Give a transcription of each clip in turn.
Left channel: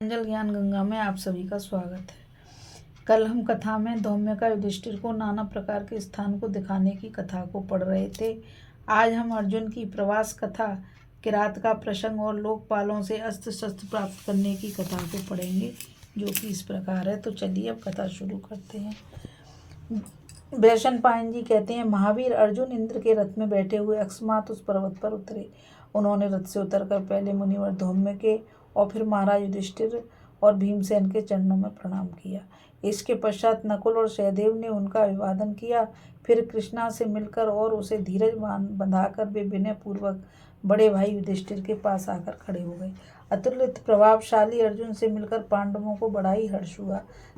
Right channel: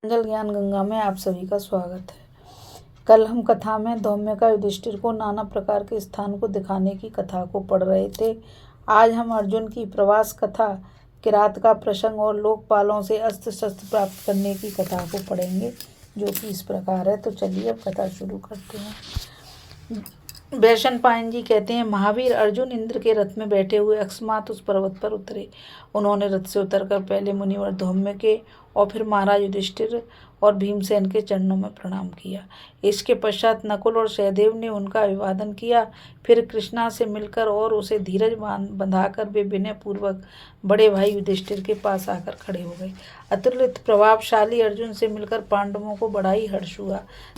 जल ज्ञान गंगा में आप सभी का स्वागत है। कल हम कथा में धौम्य का युधिष्ठिर को नाना प्रकार के स्थान को दिखाने की कथा को पढ़ रहे थे। आज हम अर्जुन की प्रवास कथा, किरात का प्रसंग और लोकपालों से अस्त्र शस्त्र प्राप्त करने की कथा को पढ़ेंगे, जो कि इस प्रकार है। तो चलिए अब कथा शुरू करते हैं। वैशंपायन जी कहते हैं, महावीर अर्जुन इंद्र के रथ में बैठे हुए अकस्मात उस पर्वत पर उतरे। उन्होंने रथ से उतरकर पहले मुनिवर धौम्य के और फिर महाराज युधिष्ठिर और भीमसेन के चरणों में प्रणाम किया। इसके पश्चात नकुल और सहदेव ने उनका अभिवादन किया। फिर कृष्णा से मिलकर और उसे धीरज बंधाकर वे विनय पूर्वक बड़े भाई युधिष्ठिर के पास आकर खड़े हो गए। अतुलित प्रभावशाली अर्जुन से मिलकर पांडवों को बड़ा ही हर्ष हुआ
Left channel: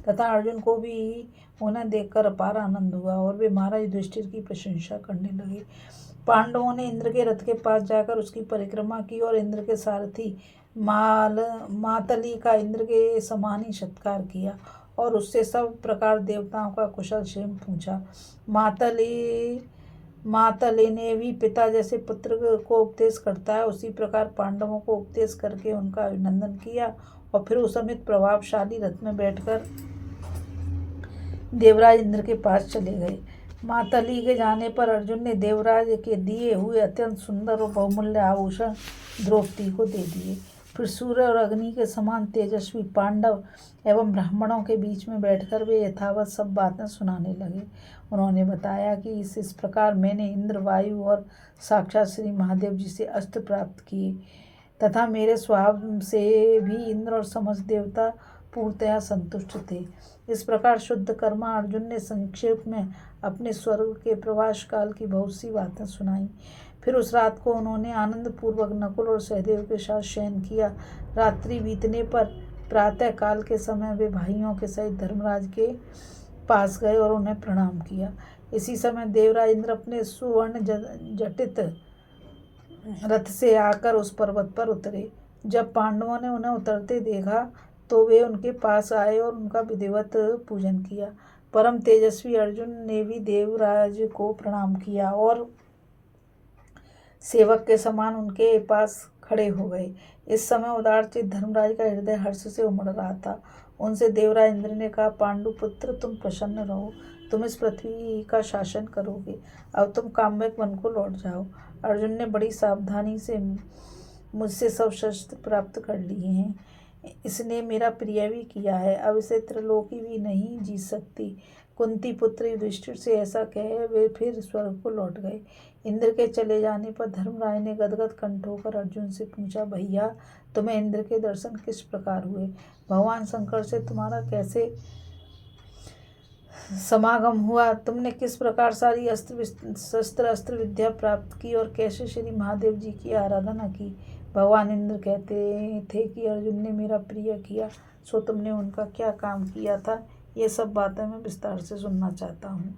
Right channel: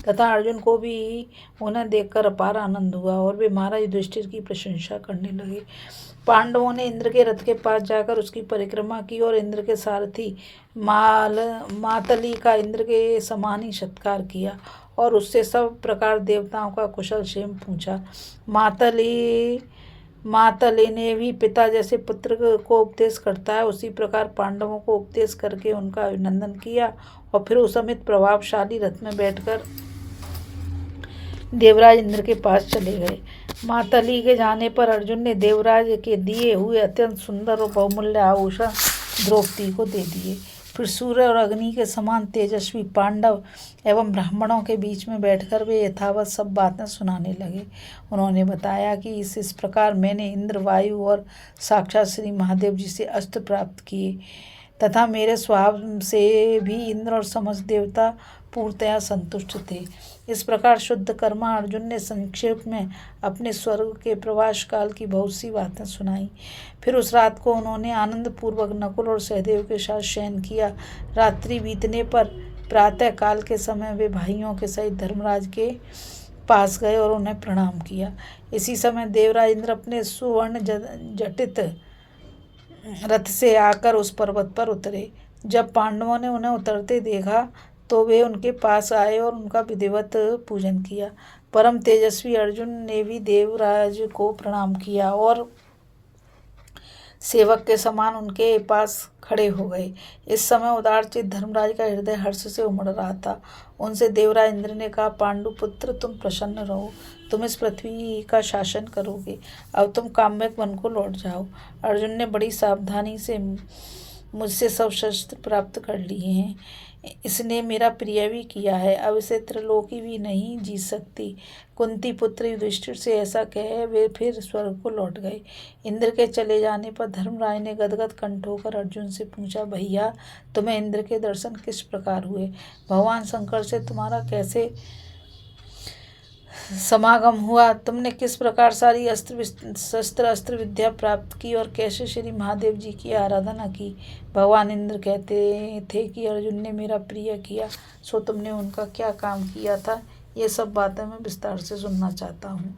तथा अर्जुन को भी उन्हें देखकर अपार आनंद हुआ और वे महाराज युधिष्ठिर की प्रशंसा करने लगे। पांडवों ने इंद्र के रथ के पास जाकर उसकी परिक्रमा की और इंद्र के सारथी मातली का इंद्र के समान ही सत्कार किया और उससे सब प्रकार देवताओं का कुशल क्षेम पूछा। मातली ने भी पिता जैसे पुत्र को उपदेश करता है, उसी प्रकार पांडवों को उपदेश करके उनका अभिनंदन किया और फिर उस समित प्रभावशाली रथ में बैठकर देवराज इंद्र के पास चले गए। मातली के जाने पर अर्जुन ने देवराज के दिए हुए अत्यंत सुंदर और बहुमूल्य आभूषण द्रौपदी को दे दिए। फिर सूर्य और अग्नि के समान तेजस्वी पांडव एवं ब्राह्मणों के बीच में बैठकर वे यथावत सब बातें सुनाने लगे। उन्होंने बताया कि इस प्रकार मैंने इंद्र, वायु और साक्षात श्री महादेव जी से अस्त्र प्राप्त किए तथा मेरे स्वभाव से भी इंद्र और समस्त देवता पूर्णतया संतुष्ट थे। इस प्रकार शुद्ध कर्मा अर्जुन ने संक्षेप में अपने स्वर्ग के प्रवास काल की बहुत सी बातें सुनाई। फिर उस रात को उन्होंने आनंद पूर्वक नकुल और सहदेव के साथ शयन किया। रात्रि बीतने पर प्रातः काल के समय वे भाइयों के सहित धर्मराज के पास गए और उन्हें प्रणाम किया। इसी समय देवराज इंद्र अपने सुवर्ण जटित रथ से आकर उस पर्वत पर उतरे। जब पांडवों ने उन्हें उतरते देखा तो वे उनके पास आए और उनका विधिवत पूजन किया। परम तेजस्वी अर्जुन ने भी देवराज को प्रणाम किया और सेवक के समान उनके पास खड़े हो गए। इस समय उदारचित धर्मराज का हृदय हर्ष से उमड़ रहा था। उनसे देवराज इंद्र ने कहा, पांडुपुत्र तुम प्रसन्न रहो, तुम इस पृथ्वी का शासन करोगे। अब तुम काम्यक वन को लौट जाओ। अर्जुन ने बड़ी सावधानी से मुझसे सब शस्त्र प्राप्त कर लिए हैं। इसने मेरा प्रिय भी किया है। अब इसे त्रिलोकी भी नहीं जीत सकती। कुंती पुत्र युधिष्ठिर से ऐसा कहे वे फिर स्वर्ग को लौट गए। इंद्र के चले जाने पर धर्मराज ने गदगद कंठ होकर अर्जुन से पूछा, भैया तुम्हें इंद्र के दर्शन किस प्रकार हुए? भगवान शंकर से तुम्हारा कैसे समागम हुआ? तुमने किस प्रकार सारी शस्त्र विद्या प्राप्त की और कैसे श्री महादेव जी की आराधना की? भगवान इंद्र कहते थे कि अर्जुन ने मेरा प्रिय किया, सो तुमने उनका क्या काम किया था? ये सब बातें मैं विस्तार से सुनना चाहता हूँ।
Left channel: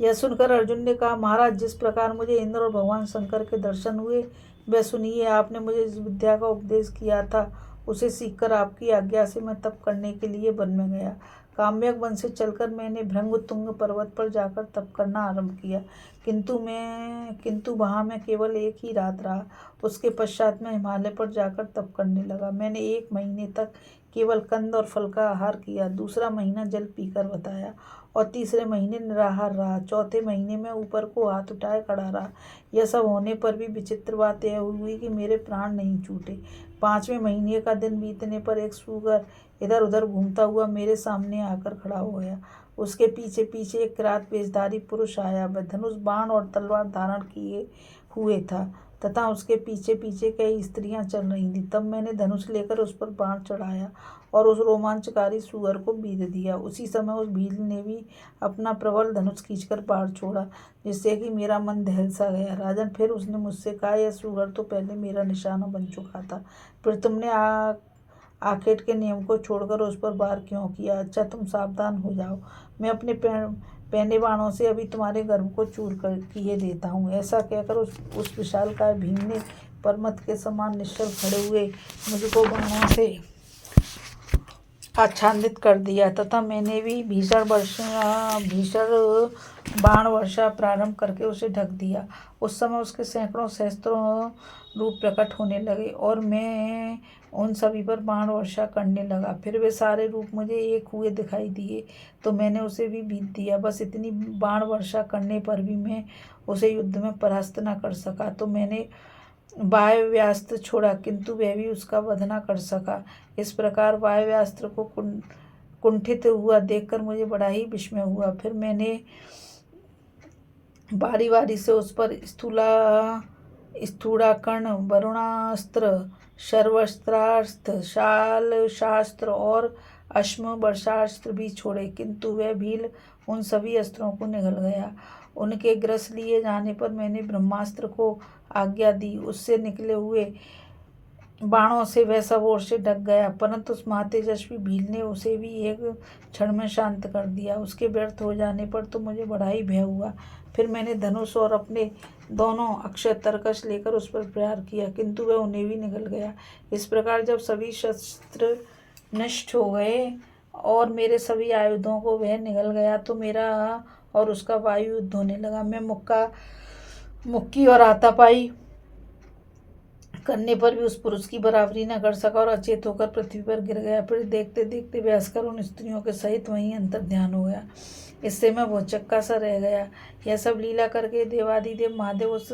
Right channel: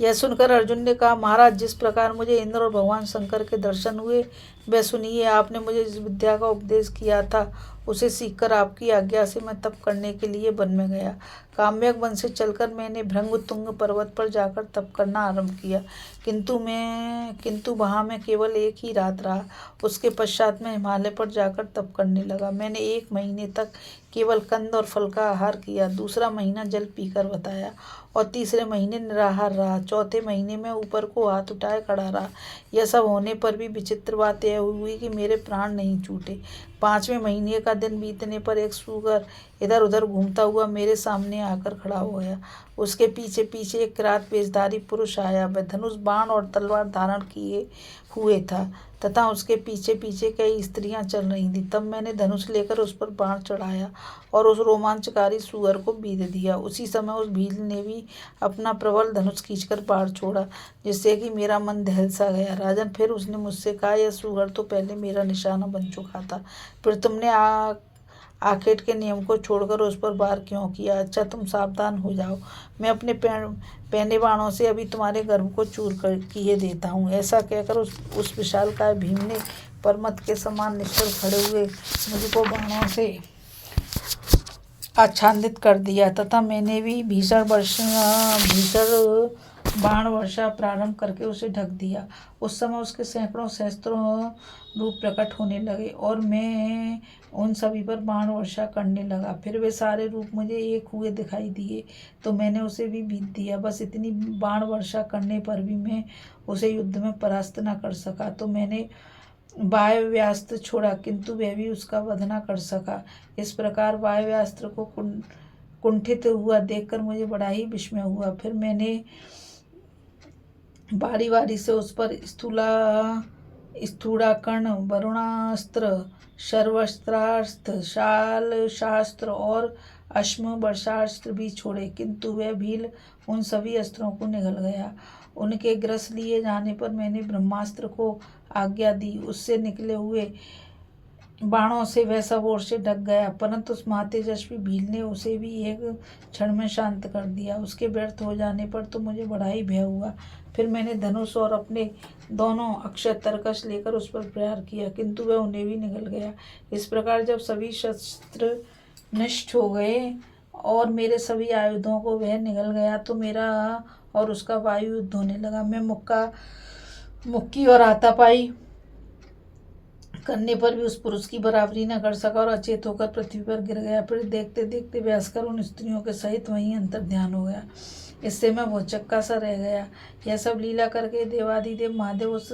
यह सुनकर अर्जुन ने कहा, महाराज जिस प्रकार मुझे इंद्र और भगवान शंकर के दर्शन हुए वह सुनिए। आपने मुझे जिस विद्या का उपदेश किया था उसे सीखकर आपकी आज्ञा से मैं तप करने के लिए वन में गया। काम्यक वन से चलकर मैंने भृंगतुंग पर्वत पर जाकर तप करना आरंभ किया, किंतु वहाँ मैं केवल एक ही रात रहा। उसके पश्चात मैं हिमालय पर जाकर तप करने लगा। मैंने 1 महीने तक केवल कंद और फल का आहार किया, दूसरा महीना जल पीकर बताया और तीसरे महीने निराहार रहा। चौथे महीने में ऊपर को हाथ उठाए खड़ा रहा। यह सब होने पर भी विचित्र बात यह हुई कि मेरे प्राण नहीं छूटे। 5वें महीने का दिन बीतने पर एक सूगर इधर उधर घूमता हुआ मेरे सामने आकर खड़ा हो गया। उसके पीछे पीछे एक किरात वेशधारी पुरुष आया। वह धनुष, बाण और तलवार धारण किए हुए था तथा उसके पीछे पीछे कई स्त्रियां चल रही थीं। तब मैंने धनुष लेकर उस पर बाण चढ़ाया और उस रोमांचकारी सूअर को बीध दिया। उसी समय उस भील ने भी अपना प्रबल धनुष खींचकर बाण छोड़ा, जिससे कि मेरा मन दहल सा गया। राजन, फिर उसने मुझसे कहा, यह सूअर तो पहले मेरा निशाना बन चुका था, फिर तुमने आखेट के नियम को छोड़कर उस पर वार क्यों किया? अच्छा, तुम सावधान हो जाओ, मैं अपने पहने बाणों से अभी तुम्हारे गर्भ को चूर कर किए देता हूँ। ऐसा कहकर उस विशालकाय भीम ने पर्वत के समान निश्चल खड़े हुए मुझको बाणों से आच्छादित कर दिया तथा मैंने भी भीषण बाण वर्षा प्रारंभ करके उसे ढक दिया। उस समय उसके सैकड़ों सहस्त्रों रूप प्रकट होने लगे और मैं उन सभी पर बाण वर्षा करने लगा। फिर वे सारे रूप मुझे एक हुए दिखाई दिए तो मैंने उसे भी बीत दिया। बस इतनी बाण वर्षा करने पर भी मैं उसे युद्ध में परास्त न कर सका तो मैंने वायव्यास्त्र छोड़ा, किंतु वह भी उसका वध न कर सका। इस प्रकार वायव्यास्त्र को कुंठित हुआ देखकर मुझे बड़ा ही विस्मय हुआ। फिर मैंने बारी बारी से उस पर स्थूलाकर्ण, वरुणास्त्र, सर्वस्त्रास्त्र, शाल शास्त्र और अश्म वर्षास्त्र भी छोड़े, किंतु वह भील उन सभी अस्त्रों को निगल गया। उनके ग्रस लिए जाने पर मैंने ब्रह्मास्त्र को आज्ञा दी। उससे निकले हुए बाणों से वह सब ओर से ढक गया, परंतु उस महातेजस्वी भील ने उसे भी एक क्षण में शांत कर दिया। उसके व्यर्थ हो जाने पर तो मुझे बड़ा ही भय हुआ। फिर मैंने धनुष और अपने दोनों अक्षय तरकश लेकर उस पर प्रहार किया, किंतु वह उन्हें भी निगल गया। इस प्रकार जब सभी शस्त्र नष्ट हो गए और मेरे सभी आयुधों को वह निगल गया तो मेरा और उसका वायु युद्ध होने लगा। मैं मुक्की और हाथापाई करने पर भी उस पुरुष की बराबरी न कर सका और अचेत होकर पृथ्वी पर गिर गया। फिर देखते देखते व्यासकर उन स्त्रियों के सहित वहीं अंतर ध्यान हो गया। इससे मैं भौचक्का सा रह गया। यह सब लीला करके देवादिदेव महादेव उस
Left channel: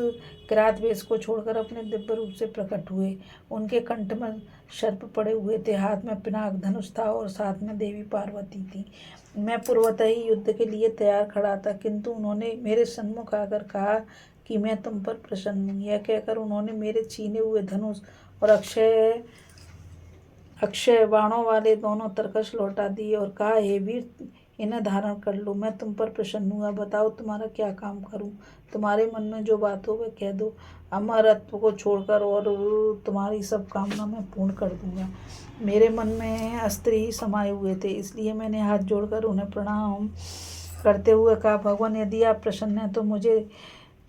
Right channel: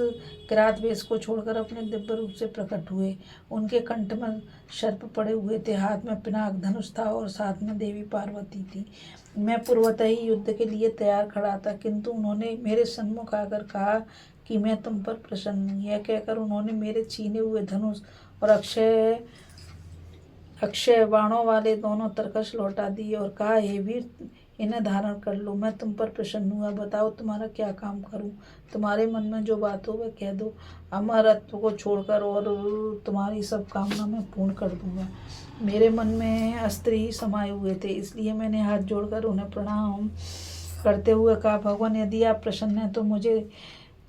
किरात वेश को छोड़कर अपने दिव्य रूप से प्रकट हुए। उनके कंठ में सर्प पड़े हुए थे, हाथ में पिनाक धनुष था और साथ में देवी पार्वती थी। मैं पूर्वतः ही युद्ध के लिए तैयार खड़ा था, किंतु उन्होंने मेरे सन्मुख आकर कहा कि मैं तुम पर प्रसन्न हूँ। यह कहकर उन्होंने मेरे छीने हुए धनुष और अक्षय बाणों वाले दोनों तरकश लौटा दिए और कहा, हे वीर, इन्हें धारण कर लो। मैं तुम पर प्रसन्न हुआ। बताओ तुम्हारा क्या काम करूं? तुम्हारे मन में जो बात हो वह कह दो। अमरत्व को छोड़कर और तुम्हारी सब कामना मैं पूर्ण कर दूंगा। मेरे मन में अस्त्र ही समाये हुए थे, इसलिए मैंने हाथ जोड़कर उन्हें प्रणाम करते हुए कहा, भगवान, यदि आप प्रसन्न हैं तो मुझे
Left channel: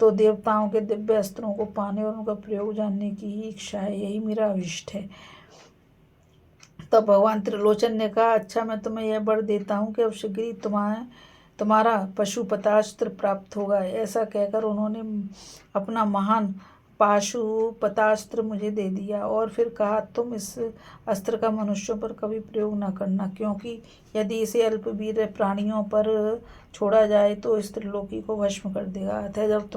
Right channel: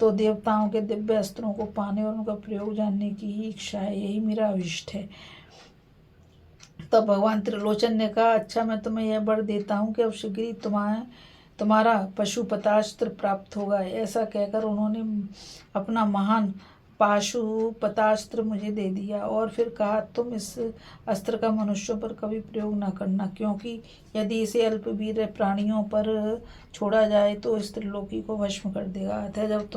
तो देवताओं के दिव्य अस्त्रों को पाने और उनका प्रयोग जानने की ही इच्छा है। यही मेरा अभिष्ट है। तब भगवान त्रिलोचन ने कहा, अच्छा, मैं तुम्हें यह वर देता हूँ कि अब शीघ्र ही तुम्हारा पशुपतास्त्र प्राप्त होगा। ऐसा कहकर उन्होंने अपना महान पाशुपतास्त्र मुझे दे दिया और फिर कहा, तुम इस अस्त्र का मनुष्यों पर कभी प्रयोग न करना, क्योंकि यदि इसे अल्पवीर प्राणियों पर छोड़ा जाए तो इस त्रिलोकी को भस्म कर देगा। अतः जब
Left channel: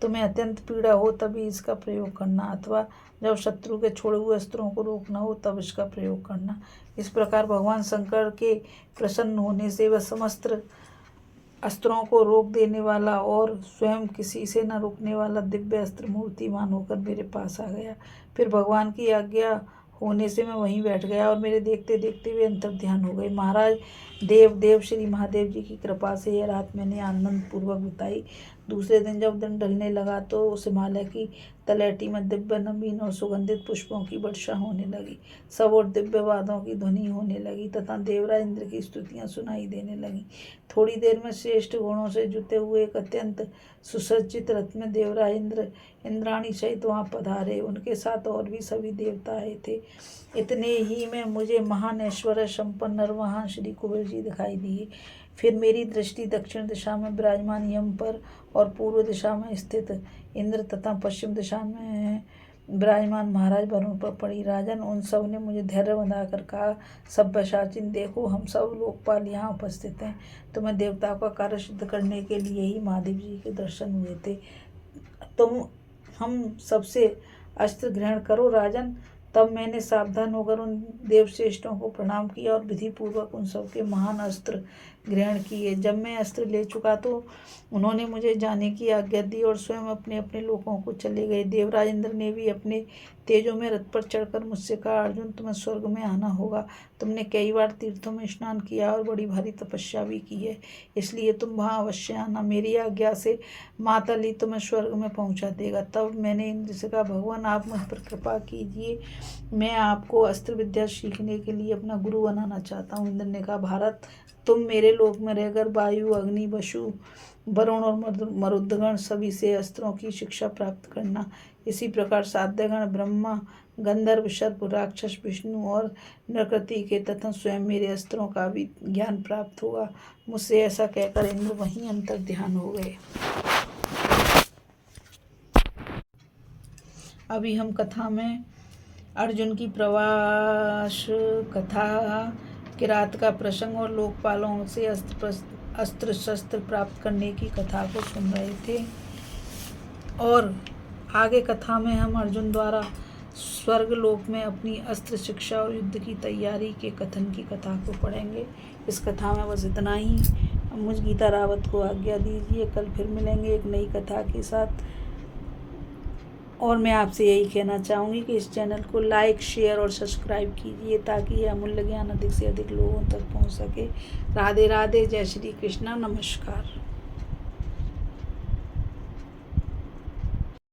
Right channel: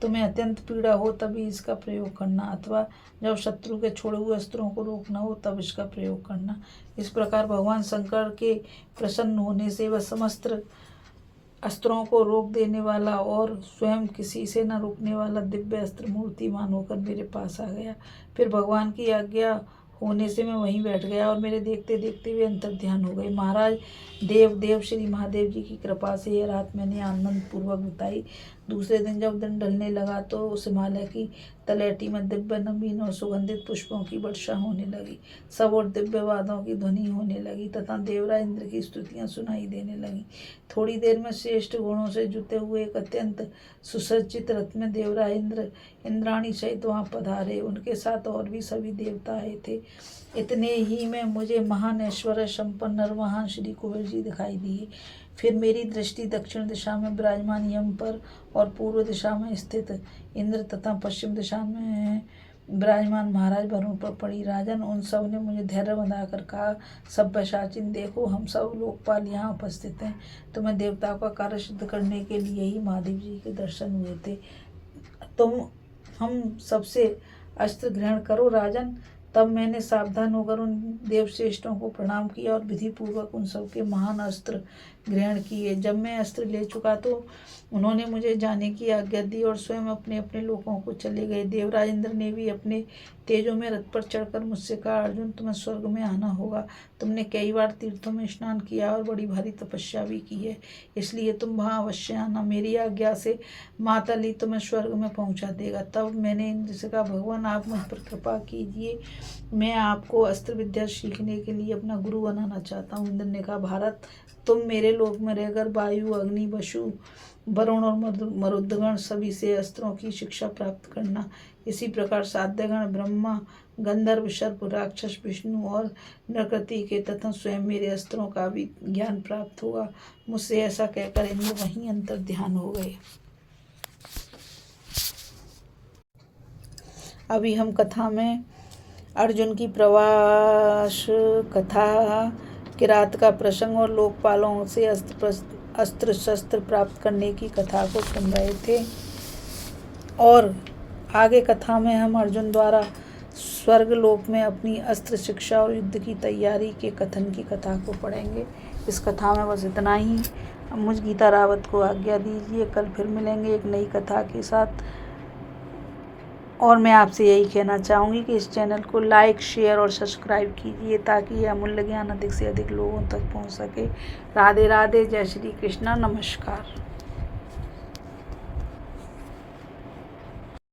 तुम्हें अत्यंत पीड़ा हो तभी इसका प्रयोग करना, अथवा जब शत्रु के छोड़े हुए अस्त्रों को रोकना हो तब इसका प्रयोग करना। इस प्रकार भगवान शंकर के प्रसन्न होने से वह समस्त अस्त्रों को रोक देने वाला और स्वयं किसी से न रुकने वाला दिव्य अस्त्र मूर्तिमान होकर मेरे पास आ गया। फिर भगवान की आज्ञा होने से मैं वहीं बैठ गया और मेरे देखते देखते वे अंतर ध्यान हो गए। महाराज देव श्री महादेव जी की कृपा से यह रात मैंने आनंद पूर्वक बिताई। दूसरे दिन जब दिन ढलने लगा तो उस हिमालय की तलहटी में दिव्य नवीन और सुगंधित पुष्पों की वर्षा होने लगी। सब और दिव्य वादों की ध्वनि होने लगी तथा देवराज इंद्र की स्तुतियां सुनाई देने लगी। थोड़ी देर में श्रेष्ठ गुणों से जुते हुए एक अत्यंत सुसज्जित रथ में देवराज इंद्राणी सहित वहां पधारे। उनके साथ और भी सभी देवता आए थे। इतने ही में मुझे महान ऐश्वर्य संपन्न नरवाहन श्री कुबेर जी दिखाई दिए। फिर मेरी दृष्टि दक्षिण दिशा में विराजमान यम पर और पूर्व दिशा में स्थित इंद्र तथा पश्चिम दिशा में विराजमान महाराज वरुण पर पड़ी। राजन, उन सब ने मुझे धैर्य बंधाकर कहा, सभ्यसाचिन, देखो, हम सब लोकपाल यहाँ उपस्थित हैं। तुम्हें देवताओं का कार्य सिद्ध करने के लिए ही महादेव जी के दर्शन हुए थे। तुम हम सबसे अस्त्र ग्रहण करो राजन। तब मैंने सावधान होकर उन देवश्रेष्ठों को प्रणाम किया और विधि पूर्वक उन सबके महान अस्त्र ग्रहण किए। जब मैं अस्त्र ले चुका तो उन्होंने मुझे जाने की आज्ञा दी और स्वयं अपने अपने लोकों को चले गए। देवराज इंद्र ने भी अपने तेजों में रथ पर चढ़कर मुझसे कहा, अर्जुन, तुम्हें स्वर्ग में आना होगा। तुमने कई बार तीर्थों में स्नान किया और बड़ी भारी तपस्या भी की है, इसलिए तुम वहाँ अवश्य आना। मेरी आज्ञा से मातली तुम्हें स्वर्ग में पहुँचा देगा। तब मैंने इंद्र से कहा, भगवान, आप मुझ पर कृपा कीजिए, मैं आपको अस्त्र विद्या सीखने के लिए अपना गुरु बनाना चाहता हूँ। इंद्र ने कहा, भारत, तुम मेरे लोक में रहकर वायु, अग्नि, वसु, वरुण और मरुदगण सभी से अस्त्रों की शिक्षा प्राप्त करना। इसी प्रकार साध्यगण, ब्रह्मा, गंधर्व, सर्प, राक्षस, विष्णु और प्रकृति के तथा स्वयं मेरे अस्त्रों का भी ज्ञान प्राप्त होगा। मुझसे ऐसा कहकर इंद्र वहीं अंतर ध्यान हो गए। अभी हम कथा में अर्जुन की प्रवास कथा, किरात का प्रसंग और लोकपालों से अस्त्र शस्त्र प्राप्त करने की कथा को सुन रहे थे। और आगे कथा में हम अर्जुन द्वारा स्वर्गलोक में अपनी अस्त्र शिक्षा और युद्ध की तैयारी के कथन की कथा को पढ़ेंगे। इस कथा में बस इतना ही। मुझ गीता रावत को आज्ञा दीजिए। कल फिर मिलेंगे एक नई कथा के साथ। और मैं आपसे यही कहना चाहूँगी कि इस चैनल को लाइक, शेयर और सब्सक्राइब कीजिए ताकि यह अमूल्य ज्ञान अधिक से अधिक लोगों तक पहुँच सके। राधे राधे। जय श्री कृष्णा। नमस्कार।